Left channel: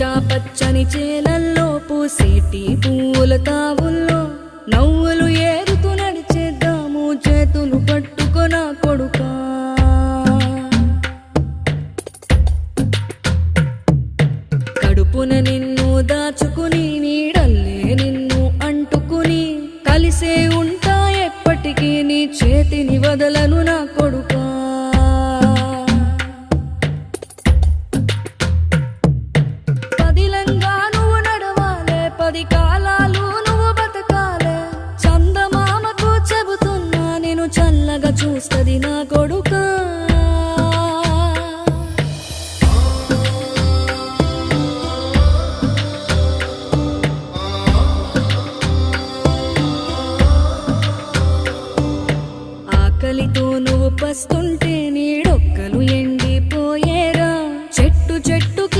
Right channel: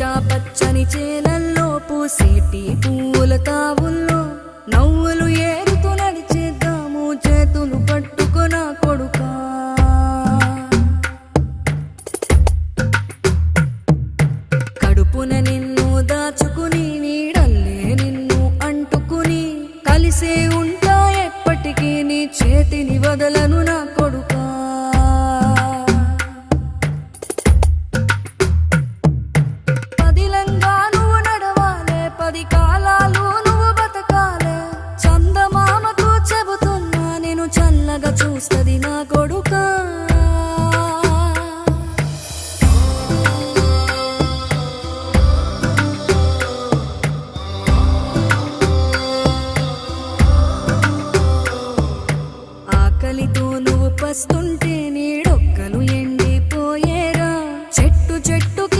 పచ్చా పచ్చని చేలల్లో పూసేటి పూల తావుల్లో నవ్వులు ఏరుతూ నడిచేద్దాము చేతులు పట్టుకొన కొడుకా. కడుపున నిన్ను దాచుకుని నీడల్లే నిన్ను అంటుకుని కలిసే ఉంటా ఎప్పటికీ నీ చేతిని వదలను నా కొడుకా. పదిలంగా నువ్వు నడవాలే, 10 కాలాలు నువ్వు బతకాలే. చందమామకు చెబుతున్నా నేను చల్లగా చూస్తది నా కొడుకా. ఆకలితో నువ్వు పస్తుంటే నీడొక్కలు ఎండ